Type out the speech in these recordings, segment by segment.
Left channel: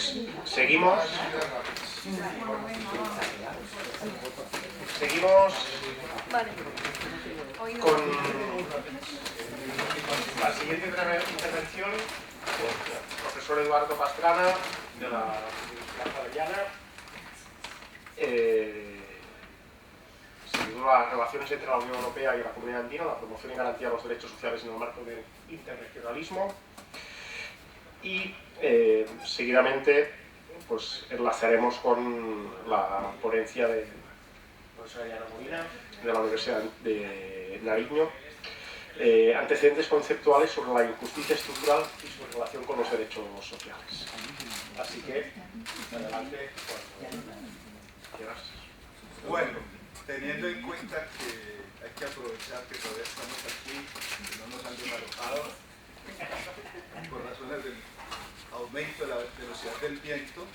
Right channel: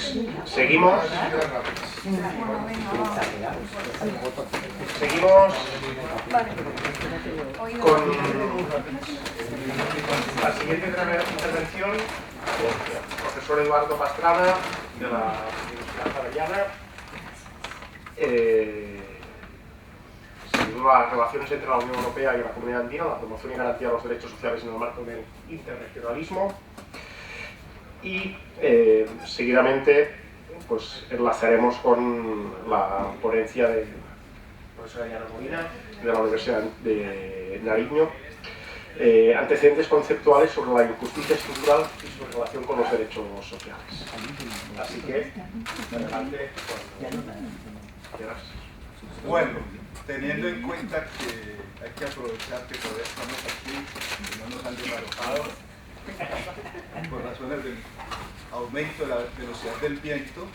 Pues seguimos con la siguiente intervención del profesor Eduardo Pastrana de la Universidad Javeriana. Sin duda, las relaciones entre la Unión Europea y la Comunidad Andina, la promoción y garantía de los derechos sociales en el marco del interregionalismo. Y seguidamente pues enlazaremos con la ponencia de la profesora Diana Molina de la Universidad de Nariño, antecedentes conceptuales sobre la injusticia estructural y su relación con los derechos sociales. Así que, adelante, cuando quieras. Bueno, teniendo en cuenta que hay que aprovechar que todavía estamos aquí y no nos han desalojado por razones del aumento de la velocidad del viento.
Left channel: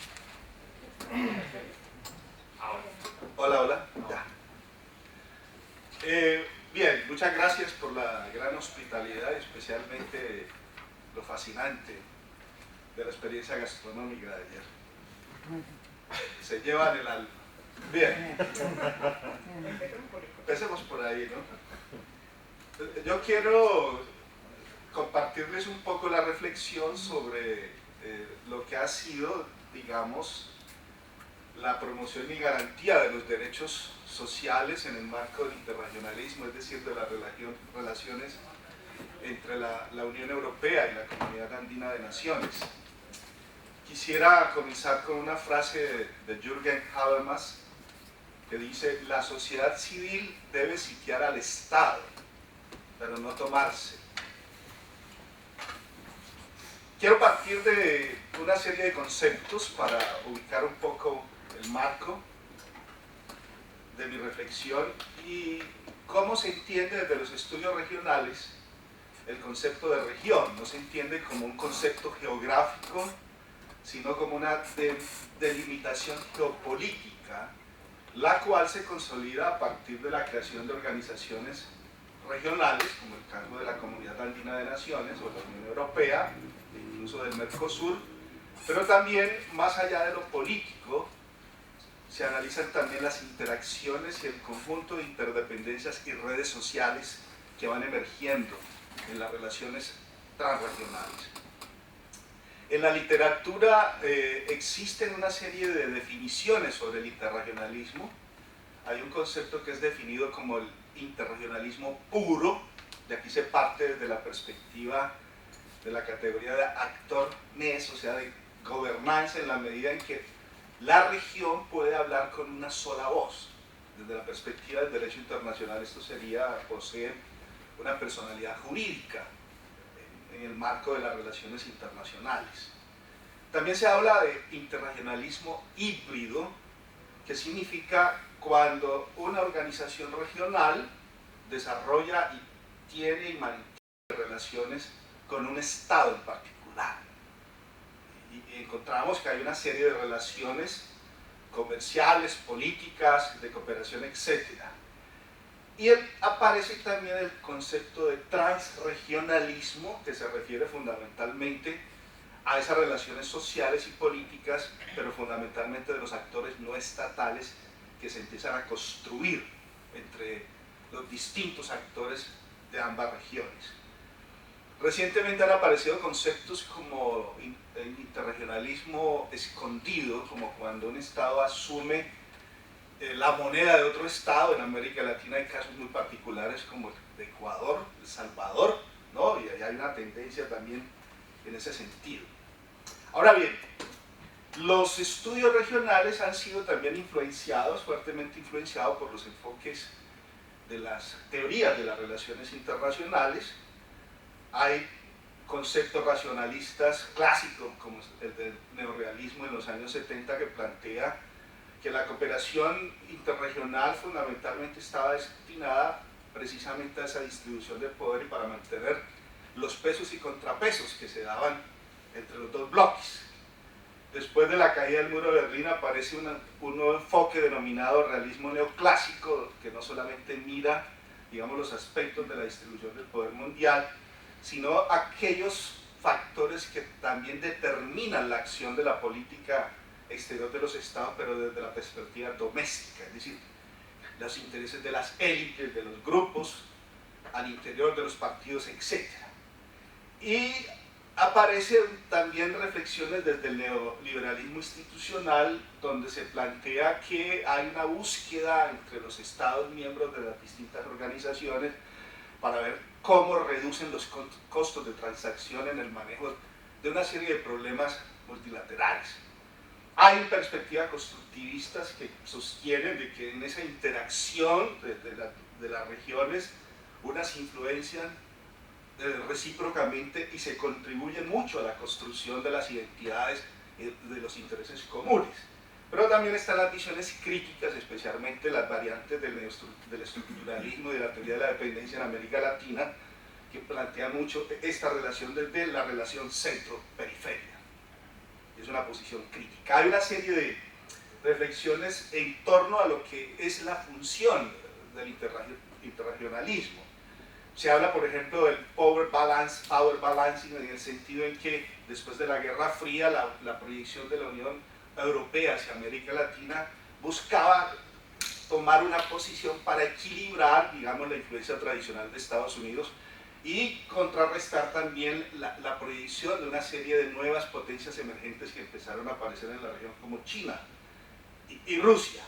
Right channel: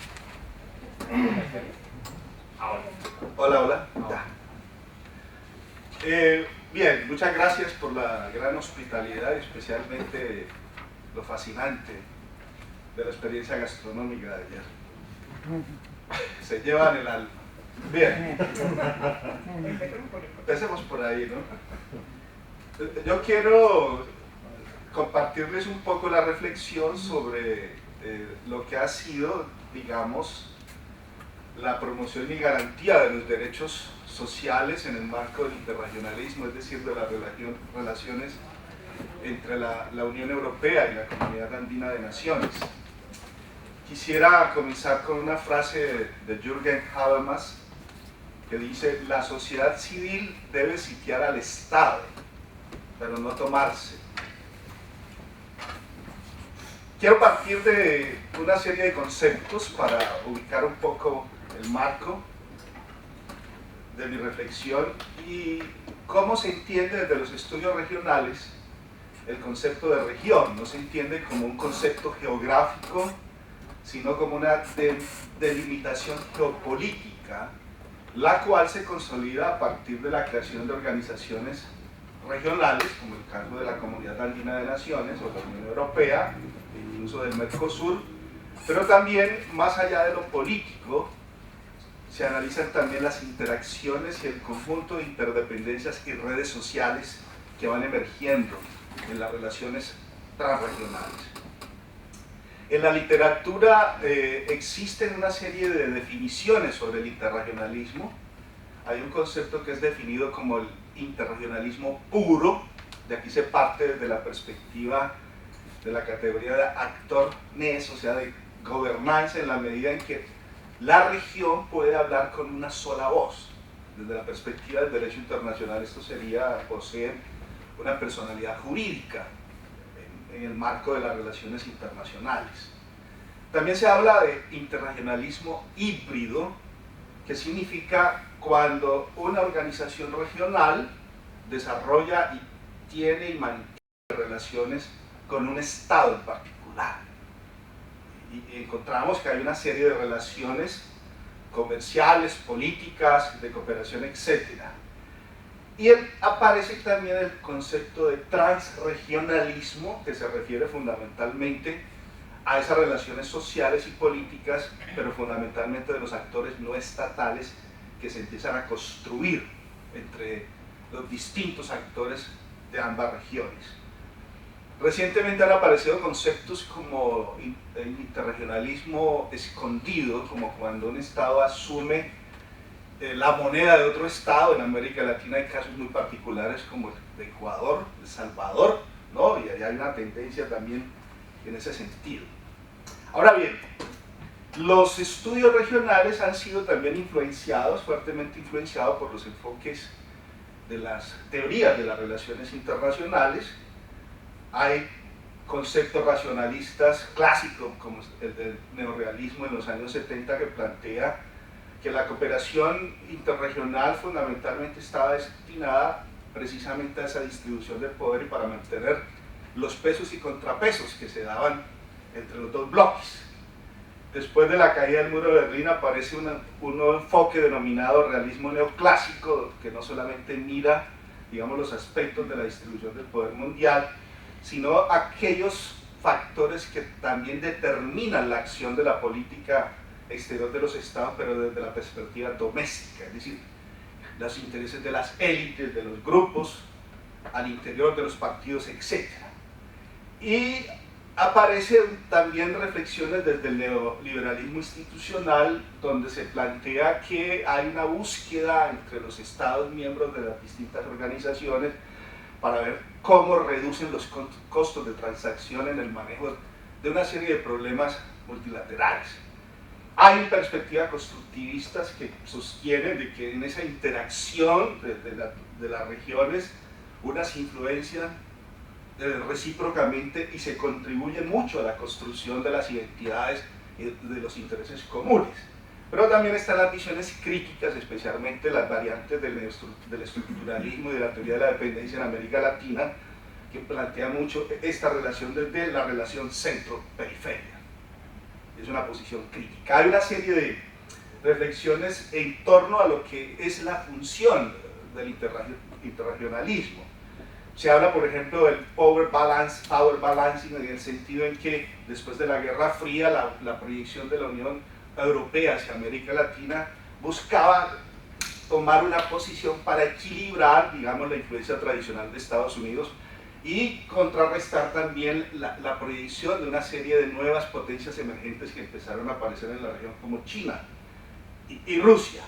Hola, hola. Bien, muchas gracias por la gran hospitalidad y especialmente lo fascinante de la experiencia gastronómica de ayer. Se llevan el alma. Bien, empecemos por ahí, ¿no? Yo quiero compartirles un poco la reflexión sobre lo que ha sido, digamos, la promoción y garantía de los derechos sociales en el marco del interregionalismo, es decir, de las relaciones entre la Unión Europea y la Comunidad Andina de Naciones. Quisiera comenzar con una frase de Jürgen Habermas que dice: la sociedad civil debe sitiar al Estado, pero no tomarse. Quiero partir de una serie de conceptos para ubicar un poco el marco de mi reflexión y cómo se entiende desde los estudios regionales el concepto de región. No se entiende como un concepto geográfico, sino como una delimitación geopolítica, la cual se consolida a partir de la creación de organizaciones regionales, como el caso de la Comunidad Andina de Naciones o la Unión Europea, incluso del Mercosur, pero también, más allá de lo político, se analizan también las interacciones y el conjunto de interdependencias y redes sociales que van emergiendo en las relaciones transregionales. En la literatura existen una serie de definiciones sobre el interregionalismo. Hay un concepto que es definido como el interregionalismo puro, de aquí se parte desde la perspectiva de la categoría de actor-nes, o sea, de gobernanza, en la medida en que la región puede hablar con una sola voz. Desde la perspectiva del derecho internacional, esto sería poseer una personalidad jurídica en el marco de las relaciones internacionales. También se habla de interregionalismo híbrido, que significa cuando una organización regional desarrolla y tiene y mantiene relaciones con un Estado en particular. Y encontramos que hay una serie de relaciones comerciales, políticas, de cooperación, etc. Y aparece también el concepto de transregionalismo, que se refiere fundamentalmente a esas relaciones sociales y políticas, pero fundamentalmente de los actores no estatales que se empiezan a construir entre los distintos actores de ambas regiones. Recientemente han aparecido conceptos como interregionalismo escondido, como cuando un Estado asume la moneda de otro Estado. En América Latina hay casos muy particulares como el de Ecuador, El Salvador, ¿no? Y allá hay una tendencia también en ese sentido. Ahora bien, los estudios regionales han sido también influenciados, fuertemente influenciados por los enfoques de las teorías de las relaciones internacionales. Hay conceptos racionalistas clásicos, como el del neorrealismo en los años 70, que plantea que la cooperación interregional fundamentalmente estaba destinada precisamente a esa distribución del poder y para mantener los pesos y contrapesos que se daban entre los dos bloques. Después de la caída del muro de Berlín aparece un nuevo enfoque denominado realismo neoclásico, que no solamente mira, digamos, los aspectos de la distribución del poder mundial, sino aquellos factores que también determinan la acción de la política exterior de los estados, pero desde la perspectiva doméstica, es decir, los intereses de las élites, de los grupos, al interior de los partidos, etc. Y aparecen también reflexiones desde el neoliberalismo institucional, donde se plantea que hay una búsqueda entre los estados miembros de las distintas organizaciones para ver cómo reducen los costos de transacción en el manejo de una serie de problemas multilaterales. Hay perspectivas constructivistas que sostienen de que en esa interacción de las regiones unas influencian recíprocamente y se contribuye mucho a la construcción de las identidades y de los intereses comunes. Pero también están las visiones críticas, especialmente las variantes del estructuralismo y de la teoría de la dependencia en América Latina, que plantea mucho esta relación desde la relación centro-periferia. Es una posición crítica. Hay una serie de reflexiones en torno a lo que es la función del interregionalismo. Se habla, por ejemplo, del power balancing, en el sentido en que después de la Guerra Fría, la proyección de la Unión Europea hacia América Latina buscaba tomar una posición para equilibrar, digamos, la influencia tradicional de Estados Unidos y contrarrestar también la proyección de una serie de nuevas potencias emergentes que empezaron a aparecer en la región, como China y Rusia.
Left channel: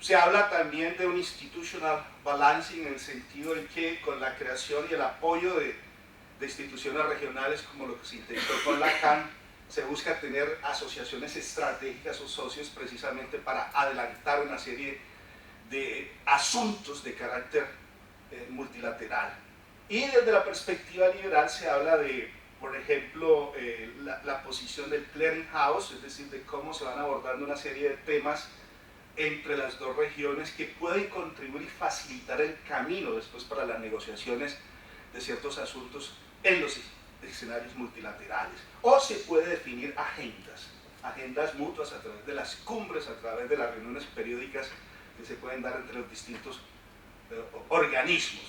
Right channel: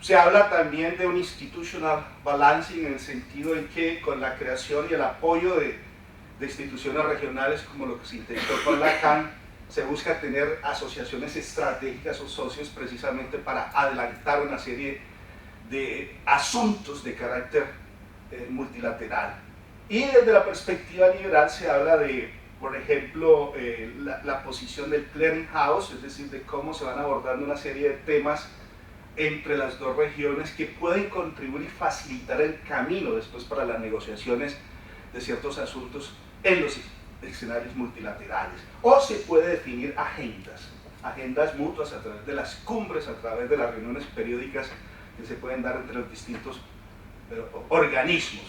Se habla también de un institutional balancing, en el sentido en que con la creación y el apoyo de instituciones regionales, como lo que se intentó con la CAN, se busca tener asociaciones estratégicas o socios precisamente para adelantar una serie de asuntos de carácter multilateral. Y desde la perspectiva liberal se habla de, por ejemplo, la posición del clearing house, es decir, de cómo se van abordando una serie de temas entre las dos regiones que pueden contribuir y facilitar el camino después para las negociaciones de ciertos asuntos en los escenarios multilaterales. O se puede definir agendas mutuas a través de las cumbres, a través de las reuniones periódicas que se pueden dar entre los distintos organismos.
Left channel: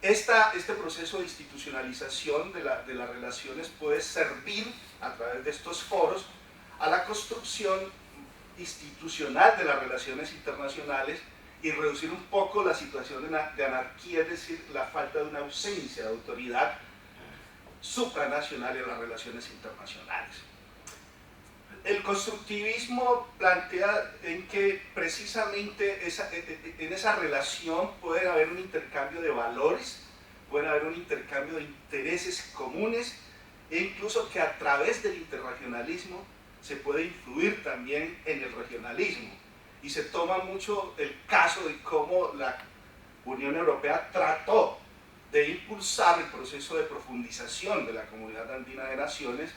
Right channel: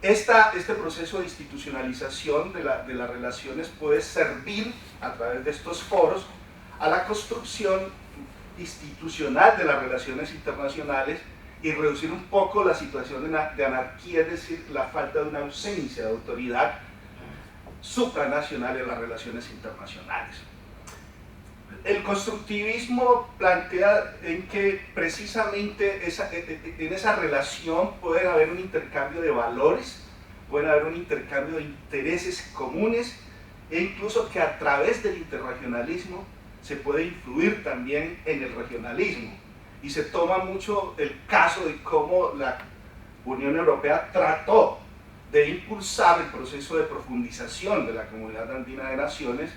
Este proceso de institucionalización de las relaciones puede servir a través de estos foros a la construcción institucional de las relaciones internacionales y reducir un poco la situación de anarquía, es decir, la falta de una ausencia de autoridad supranacional en las relaciones internacionales. El constructivismo plantea en que precisamente en esa relación puede haber un intercambio de valores, puede haber un intercambio de intereses comunes e incluso que a través del interregionalismo se puede influir también en el regionalismo. Y se toma mucho el caso de cómo la Unión Europea trató de impulsar el proceso de profundización de la Comunidad Andina de Naciones.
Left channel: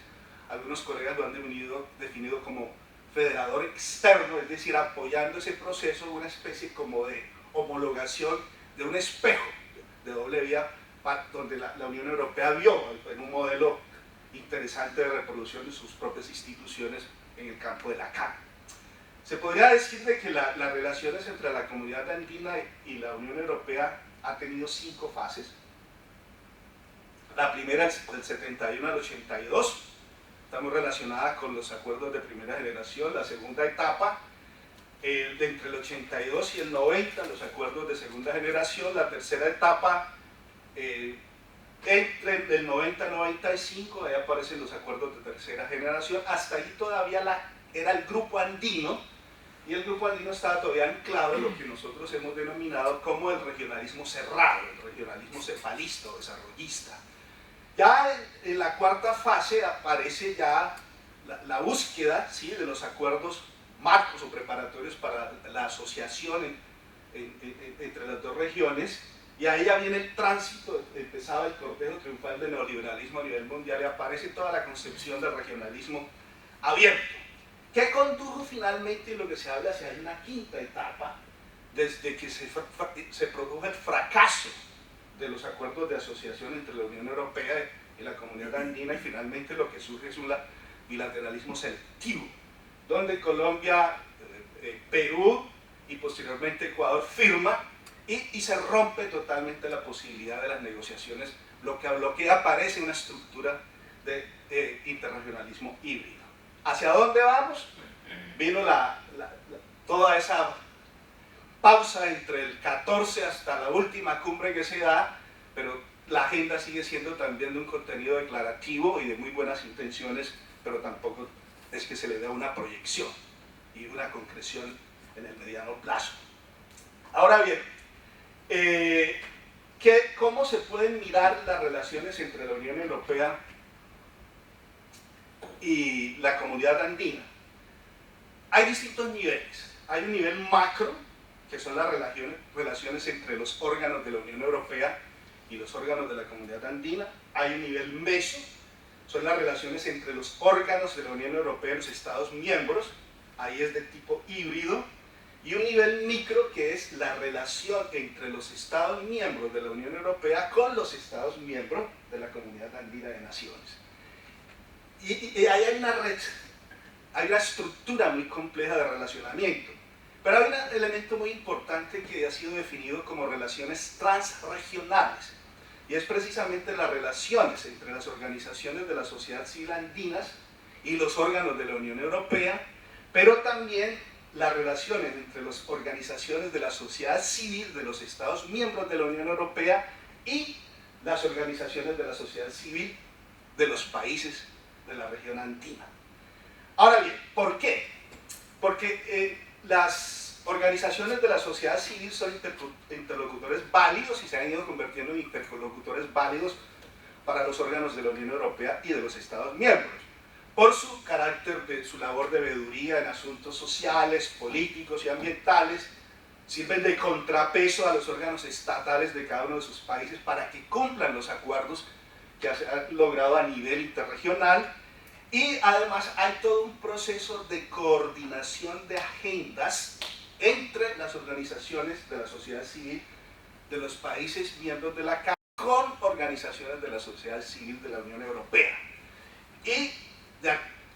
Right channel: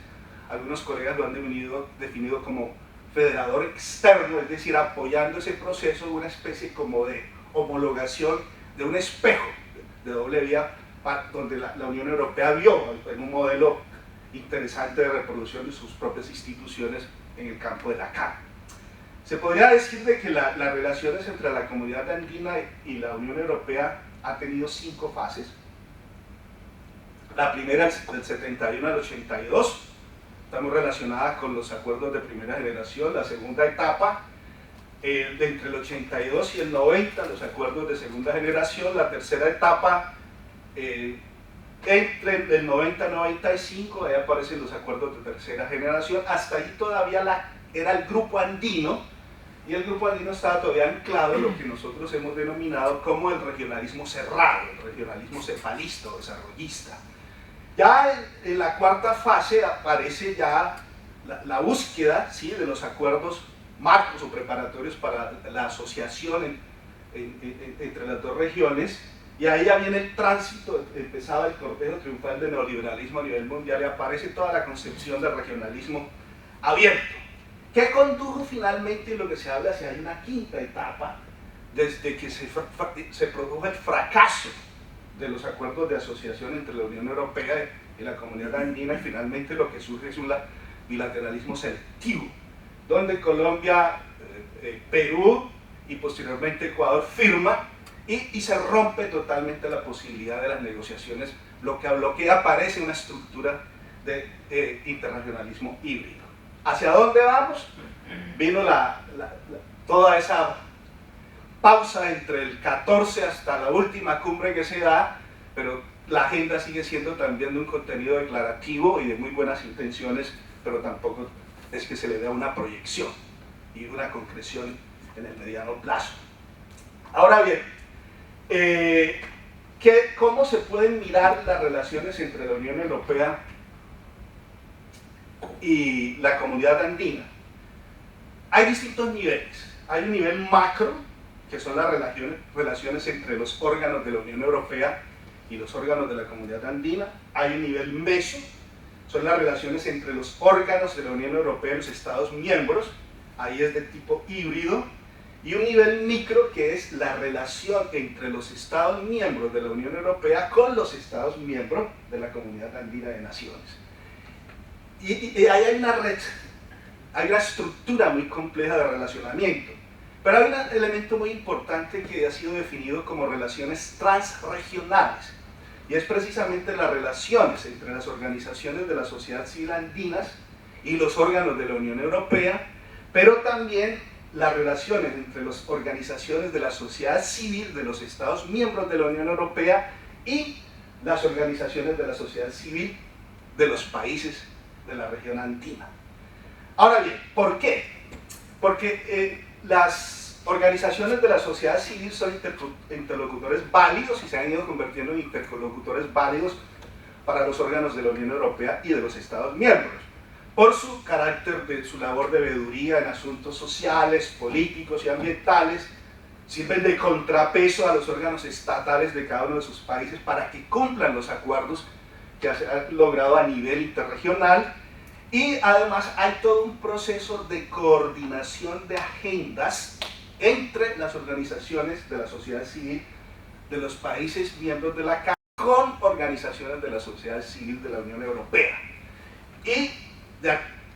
Algunos colegas lo han definido como federador externo, es decir, apoyando ese proceso de una especie como de homologación de un espejo de doble vía, donde la Unión Europea vio en un modelo interesante de reproducción de sus propias instituciones en el campo de la CAN. Se podría decir de que las relaciones entre la Comunidad Andina y la Unión Europea ha tenido 5 fases. La primera es del 71 al 82, está muy relacionada con los acuerdos de primera generación. La segunda etapa, de entre el 82 y el 90, los acuerdos de segunda generación. La tercera etapa, entre el 90 y 95, ahí aparecen los acuerdos de tercera generación. Hasta ahí todavía era el grupo andino, y el grupo andino estaba todavía anclado en lo que nosotros hemos denominado como el regionalismo cerrado, el regionalismo cefalista o desarrollista. Ya en la cuarta fase aparece ya la búsqueda, ¿sí?, de los acuerdos marcos o preparatorios para la asociación entre las dos regiones, y ahí ya viene el tránsito, empezaba el cortejo triunfal del neoliberalismo a nivel mundial y aparece toda la concepción del regionalismo abierto, que condujo finalmente, lo que se habla, hacia una quinta etapa, desde que se produjo el fracaso de los acuerdos de asociación entre la Unión Europea y la Comunidad Andina, y finalmente lo que surge es un bilateralismo selectivo, donde Colombia, Perú y posteriormente Ecuador firma y se rompe totalmente la posibilidad de las negociaciones, lo que aparece una estructura de internacionalismo híbrido. ¿Hacia dónde vamos? Vino toda esa pausa entre el 14 hasta la última cumbre que se da, pero la agenda sigue siendo también de un contenido declarativo y de muy buenas intenciones, pero tampoco es que se le dé una proyección y una concreción en el mediano plazo. Ahora bien, ¿cómo se pueden mirar las relaciones entre la Unión Europea y la comunidad andina? Hay distintos niveles. Hay un nivel macro, que son las relaciones entre los órganos de la Unión Europea y los órganos de la comunidad andina. Hay un nivel meso, son las relaciones entre los órganos de la Unión Europea y los Estados miembros, ahí es de tipo híbrido. Y un nivel micro, que es la relación entre los Estados miembros de la Unión Europea con los Estados miembros de la Comunidad Andina de Naciones. Y ahí hay una red, hay una estructura muy compleja de relacionamiento. Pero hay un elemento muy importante que ha sido definido como relaciones transregionales, y es precisamente las relaciones entre las organizaciones de la sociedad civil andinas y los órganos de la Unión Europea, pero también las relaciones entre las organizaciones de la sociedad civil de los Estados miembros de la Unión Europea y las organizaciones de la sociedad civil de los países de la región andina. Ahora bien, ¿por qué? Porque las organizaciones de la sociedad civil son interlocutores válidos y se han ido convirtiendo en interlocutores válidos para los órganos de la Unión Europea y de los Estados miembros, por su carácter de su labor de veeduría en asuntos sociales, políticos y ambientales. Sirven de contrapeso a los órganos estatales de cada uno de sus países para que cumplan los acuerdos que se han logrado a nivel interregional, y además hay todo un proceso de coordinación de agendas entre las organizaciones de la sociedad civil de los países miembros de la CAF con organizaciones de la sociedad civil de la Unión Europea, y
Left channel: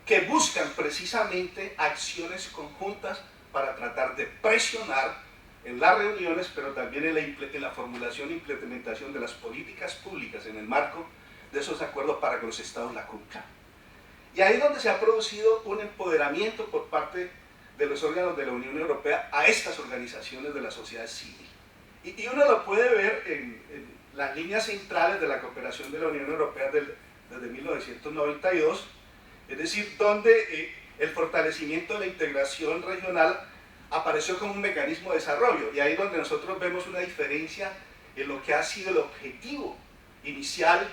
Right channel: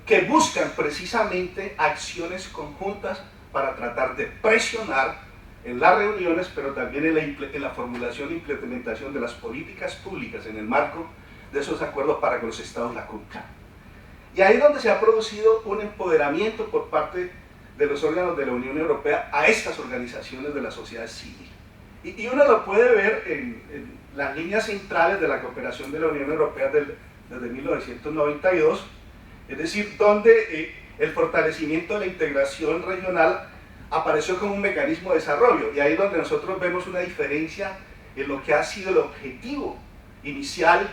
que buscan precisamente acciones conjuntas para tratar de presionar en las reuniones, pero también en la formulación e implementación de las políticas públicas en el marco de esos acuerdos para que los estados la cumplan. Y ahí es donde se ha producido un empoderamiento por parte de los órganos de la Unión Europea a estas organizaciones de la sociedad civil. Y uno lo puede ver en las líneas centrales de la cooperación de la Unión Europea desde 1992, es decir, donde el fortalecimiento de la integración regional apareció como un mecanismo de desarrollo, y ahí es donde nosotros vemos una diferencia en lo que ha sido el objetivo inicial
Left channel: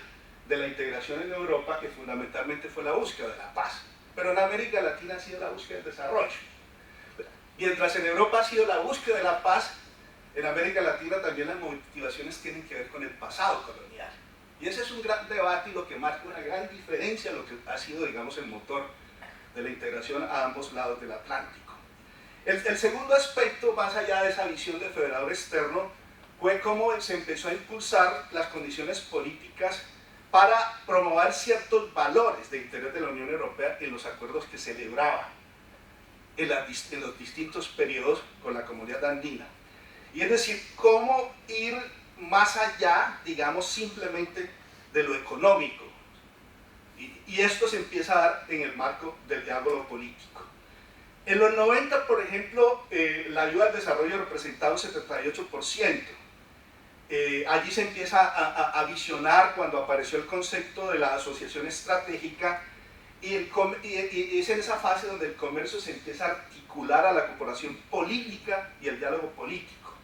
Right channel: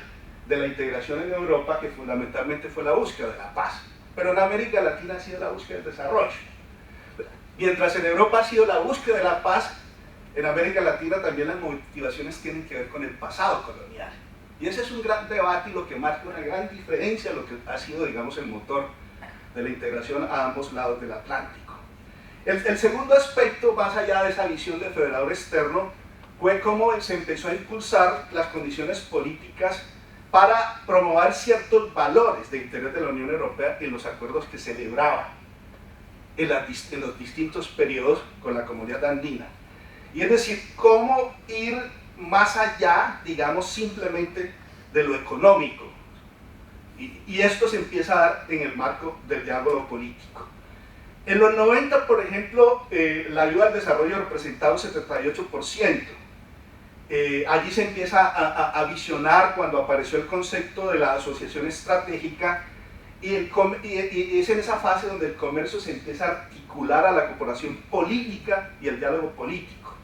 de la integración en Europa, que fundamentalmente fue la búsqueda de la paz. Pero en América Latina ha sido la búsqueda del desarrollo. Mientras en Europa ha sido la búsqueda de la paz, en América Latina también las motivaciones tienen que ver con el pasado colonial. Y ese es un gran debate y lo que marca una gran diferencia, lo que ha sido, digamos, el motor de la integración a ambos lados del Atlántico. El segundo aspecto, más allá de esa visión de federador externo, fue cómo se empezó a impulsar las condiciones políticas para promover ciertos valores de interés de la Unión Europea en los acuerdos que celebraba en los distintos periodos con la comunidad andina. Y es decir, cómo ir más allá, digamos, simplemente de lo económico. Y esto se empieza a dar en el marco del diálogo político. En los 90, por ejemplo, la ayuda al desarrollo representaba un 78%. Allí se empieza a visionar cuando apareció el concepto de la asociación estratégica, y es en esa fase donde el comercio se empieza a articular a la cooperación política y el diálogo político.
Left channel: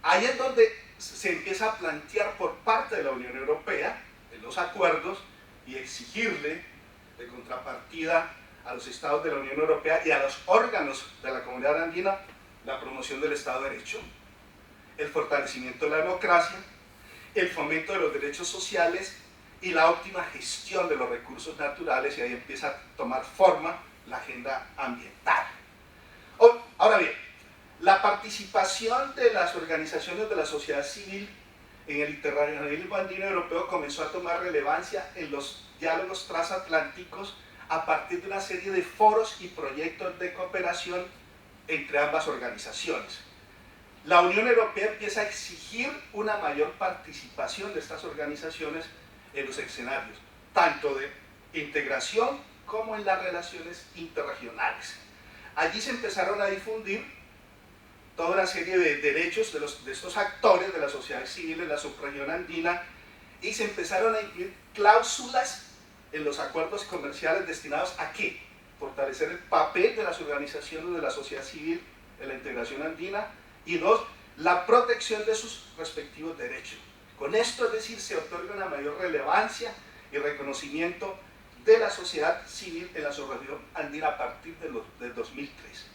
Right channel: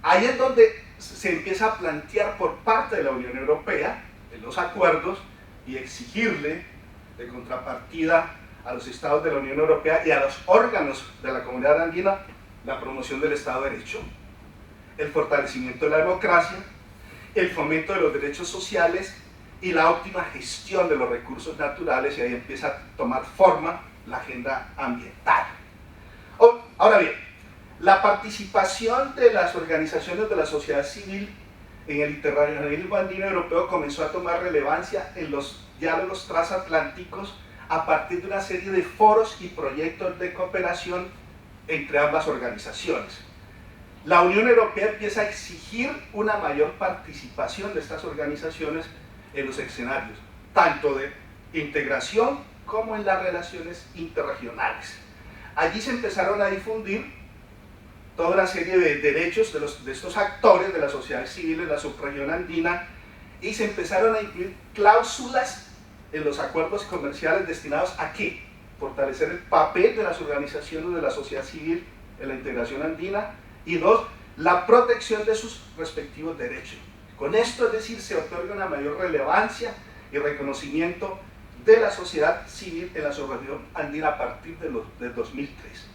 Ahí es donde se empieza a plantear por parte de la Unión Europea en los acuerdos y exigirle de contrapartida a los estados de la Unión Europea y a los órganos de la comunidad andina la promoción del Estado de Derecho, el fortalecimiento de la democracia, el fomento de los derechos sociales y la óptima gestión de los recursos naturales, y ahí empieza a tomar forma la agenda ambiental. Ahora bien, la participación de las organizaciones de la sociedad civil en el internacionalismo andino europeo comenzó a tomar relevancia en los diálogos transatlánticos a partir de una serie de foros y proyectos de cooperación entre ambas organizaciones. La Unión Europea empieza a exigir una mayor participación de estas organizaciones en los escenarios tanto de integración como en las relaciones interregionales. Allí se empezaron a difundir toda una serie de derechos de estos actores de la sociedad civil en la subregión andina, y se empezaron a incluir cláusulas en los acuerdos comerciales destinados a ¿qué? Fortalecer el papel de las organizaciones de la sociedad civil en la integración andina, y dos, la protección de sus respectivos derechos. Con esto, es decir, se otorga una mayor relevancia y reconocimiento de la sociedad civil en la subregión andina a partir del 2003.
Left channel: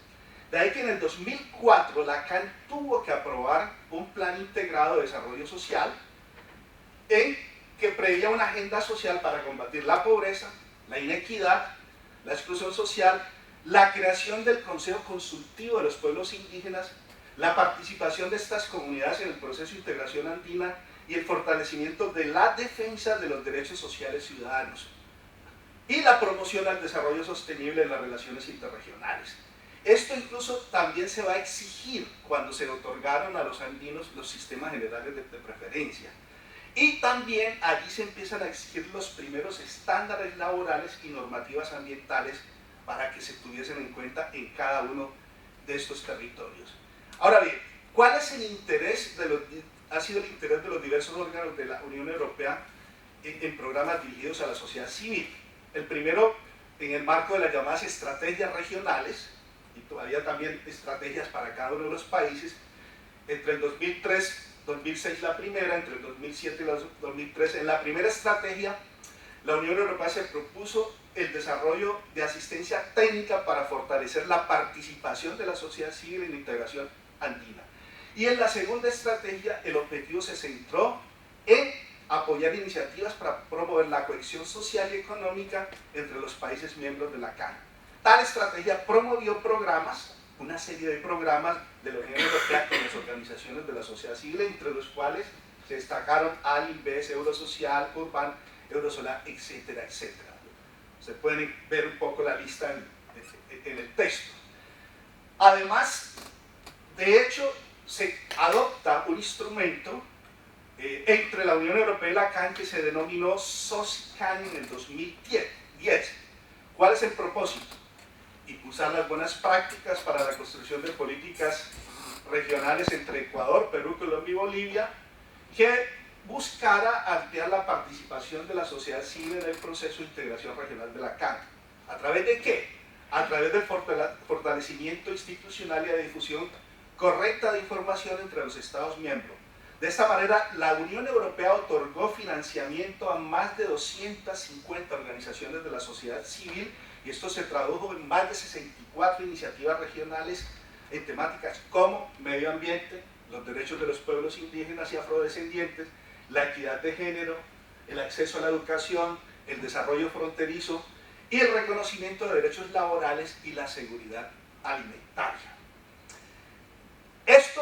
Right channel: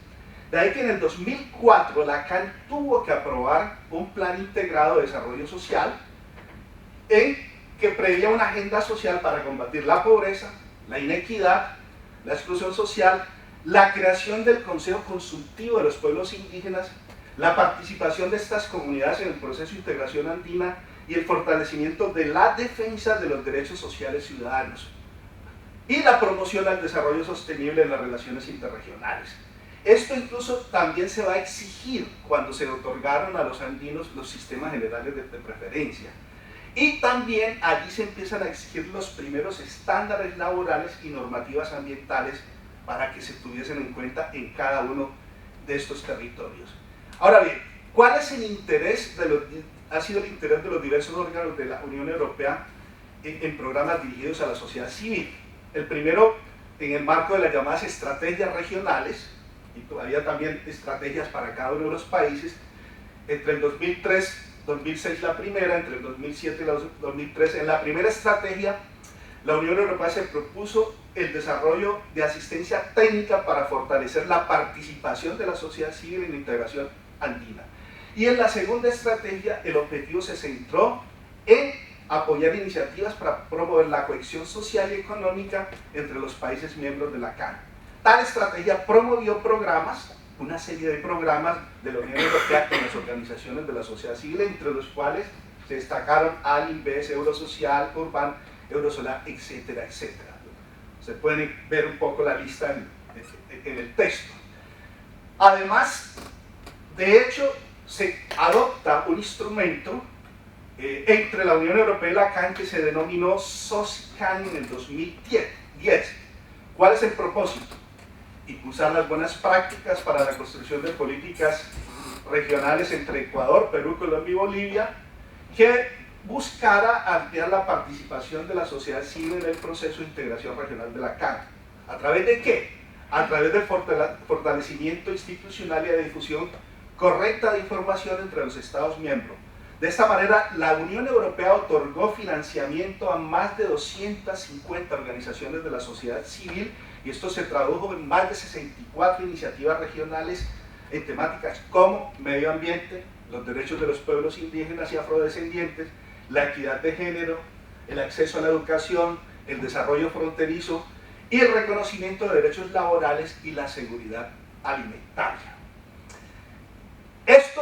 De ahí que en el 2004 la CAN tuvo que aprobar un plan integrado de desarrollo social en que preveía una agenda social para combatir la pobreza, la inequidad, la exclusión social, la creación del Consejo Consultivo de los Pueblos Indígenas, la participación de estas comunidades en el proceso de integración andina y el fortalecimiento de la defensa de los derechos sociales ciudadanos y la promoción al desarrollo sostenible en las relaciones interregionales. Esto incluso también se va a exigir cuando se otorgaron a los andinos los sistemas generales de preferencia. Y también allí se empiezan a exigir los primeros estándares laborales y normativas ambientales para que se tuviesen en cuenta en cada uno de estos territorios. Ahora bien, ¿cuál es el interés ha sido el interés de los diversos órganos de la Unión Europea en programas dirigidos a la sociedad civil? El primero, en el marco de las llamadas estrategias regionales, y todavía también estrategias para cada uno de los países, entre el 2006 la primera, entre el 2007 y el 2013. En la primera estrategia, la Unión Europea se propuso el desarrollo de asistencia técnica para fortalecer la participación de la sociedad civil en la integración andina. Y en la segunda estrategia, el objetivo se centró en apoyar iniciativas para promover la cohesión social y económica entre los países miembros de la CAN. Tal estrategia promovió programas, una serie de programas de la Unión Europea con las organizaciones de la sociedad civil, entre los cuales se destacaron ALINVES, Eurosocial, Urban, Eurosolar, etcétera, etcétera. Se pueden ver un poco la lista en el texto. Además, de hecho, se adopta un instrumento entre la Unión Europea y la CAN que se denominó SOCICAN en el 2010. ¿Cuál es el propósito? Impulsar las buenas prácticas para la construcción de políticas regionales entre Ecuador, Perú, Colombia y Bolivia, que buscara ampliar la participación de la sociedad civil en el proceso de integración regional de la CAN. ¿A través de qué? A través del fortalecimiento institucional y de difusión correcta de información entre los Estados miembros. De esta manera, la Unión Europea otorgó financiamiento a más de 250 organizaciones de la sociedad civil, y esto se tradujo en más de 64 iniciativas regionales en temáticas como medio ambiente, los derechos de los pueblos indígenas y afrodescendientes, la equidad de género, el acceso a la educación, el desarrollo fronterizo y el reconocimiento de derechos laborales y la seguridad alimentaria. Esto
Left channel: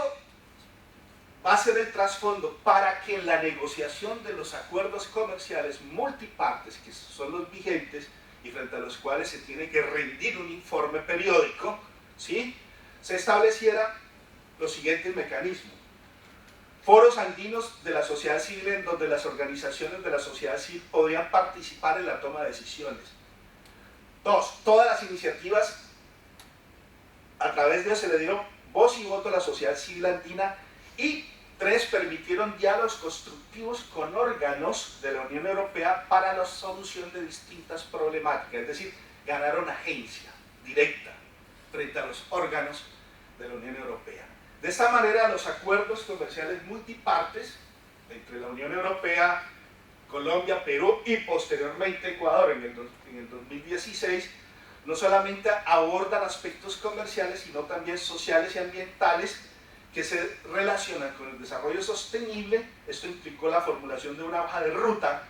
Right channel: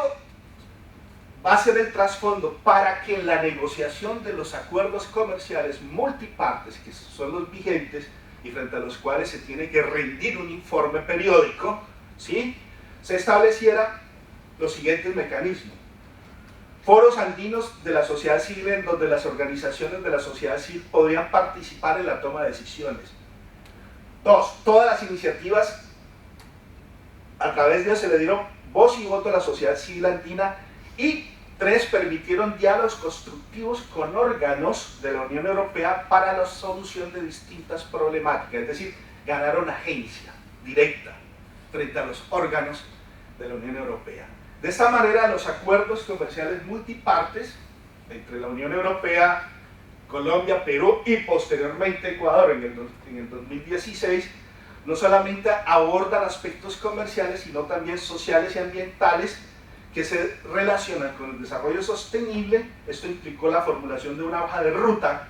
va a ser el trasfondo para que en la negociación de los acuerdos comerciales multipartes, que son los vigentes y frente a los cuales se tiene que rendir un informe periódico, ¿sí?, se estableciera los siguientes mecanismos. Foros andinos de la sociedad civil en donde las organizaciones de la sociedad civil podrían participar en la toma de decisiones. 2. Todas las iniciativas, a través de ellas se le dieron voz y voto a la sociedad civil andina. Y 3. Permitieron diálogos constructivos con órganos de la Unión Europea para la solución de distintas problemáticas, es decir, ganaron agencia directa frente a los órganos de la Unión Europea. De esta manera, los acuerdos comerciales multipartes entre la Unión Europea, Colombia, Perú y posteriormente Ecuador en el 2016, no solamente abordan aspectos comerciales, sino también sociales y ambientales que se relacionan con el desarrollo sostenible. Esto implicó la formulación de una hoja de ruta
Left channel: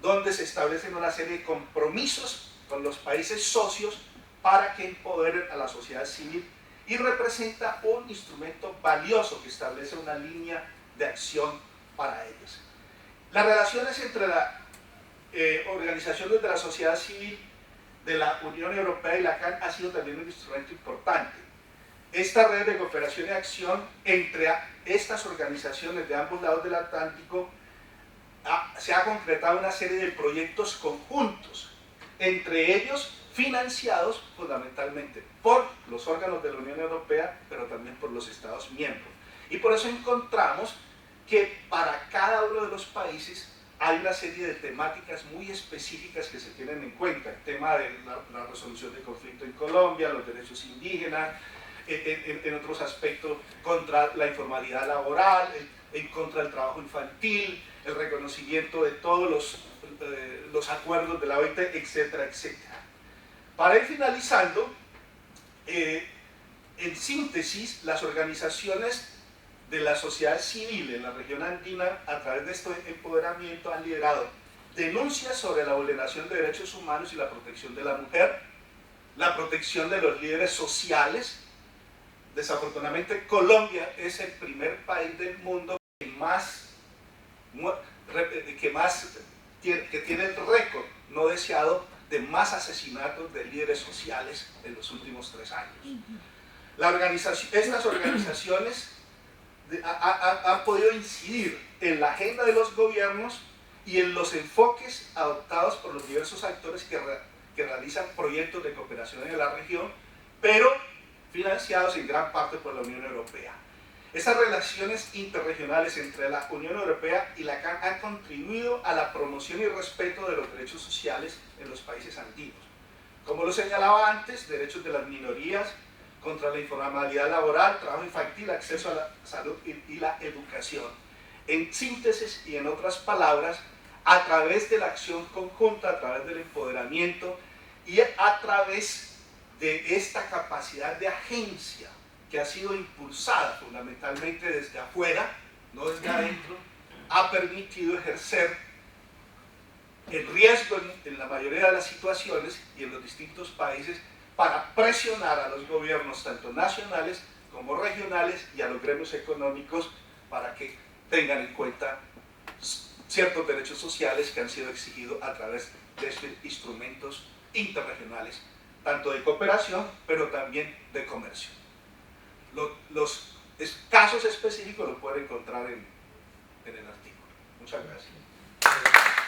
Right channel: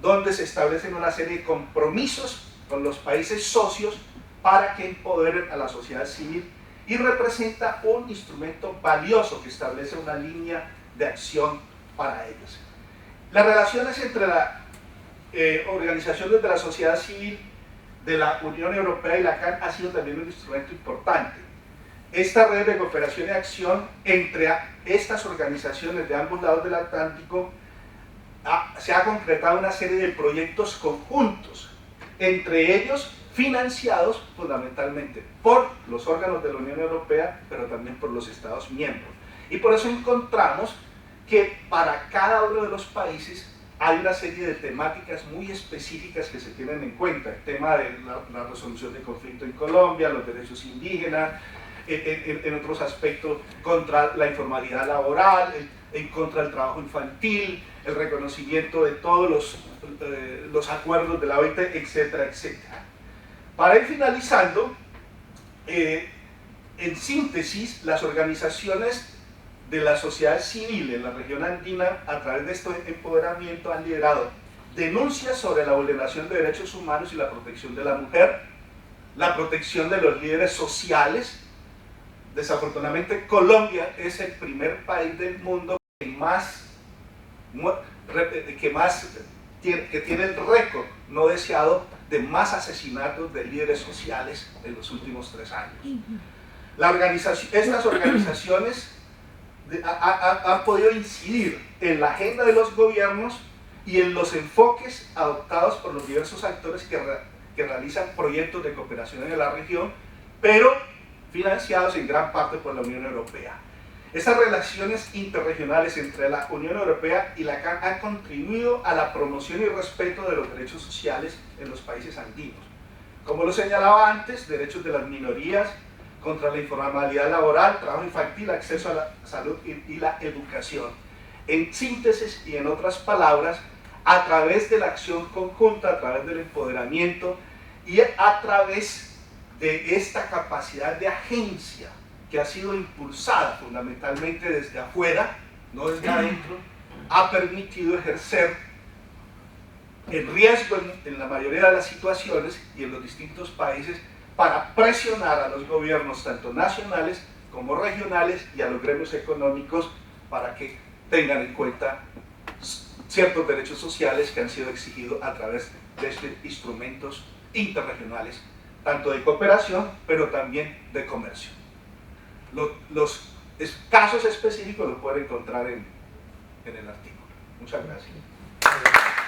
donde se establecen una serie de compromisos con los países socios para que empoderen a la sociedad civil, y representa un instrumento valioso que establece una línea de acción para ellos. Las relaciones entre las organizaciones de la sociedad civil de la Unión Europea y la CAN ha sido también un instrumento importante. Esta red de cooperación y acción entre estas organizaciones de ambos lados del Atlántico se ha concretado una serie de proyectos conjuntos, entre ellos financiados fundamentalmente por los órganos de la Unión Europea, pero también por los Estados miembros. Y por eso encontramos que para cada uno de los países hay una serie de temáticas muy específicas que se tienen en cuenta. El tema de la resolución del conflicto en Colombia, los derechos indígenas, en otros aspectos contra la informalidad laboral, en contra del trabajo infantil, el reconocimiento de todos los acuerdos de la OIT, etcétera, etcétera. Para ir finalizando, en síntesis, las organizaciones de la sociedad civil en la región andina, a través de este empoderamiento, han liderado denuncias sobre la vulneración de derechos humanos y la protección de la mujer, la protección de los líderes sociales. Desafortunadamente, Colombia es el primer país del mundo que tiene el récord no deseado de más asesinatos de líderes sociales en los últimos 3 años. Estas organizaciones han podido incidir en la agenda de los gobiernos y en los enfoques adoptados por los diversos actores que realizan proyectos de cooperación en la región, pero financiados en gran parte por la Unión Europea. Estas relaciones interregionales entre la Unión Europea y la CAN han contribuido a la promoción y respeto de los derechos sociales en los países andinos. Como lo señalaba antes, derechos de las minorías, contra la informalidad laboral, trabajo infantil, acceso a la salud y la educación. En síntesis y en otras palabras, a través de la acción conjunta, a través del empoderamiento y a través de esta capacidad de agencia que ha sido impulsada fundamentalmente desde afuera, no desde adentro, ha permitido ejercer el riesgo en la mayoría de las situaciones y en los distintos países para presionar a los gobiernos tanto nacionales como regionales y a los gremios económicos para que tengan en cuenta ciertos derechos sociales que han sido exigidos a través de estos instrumentos interregionales, tanto de cooperación, pero también de comercio. Los casos específicos los pueden encontrar en el artículo. Muchas gracias.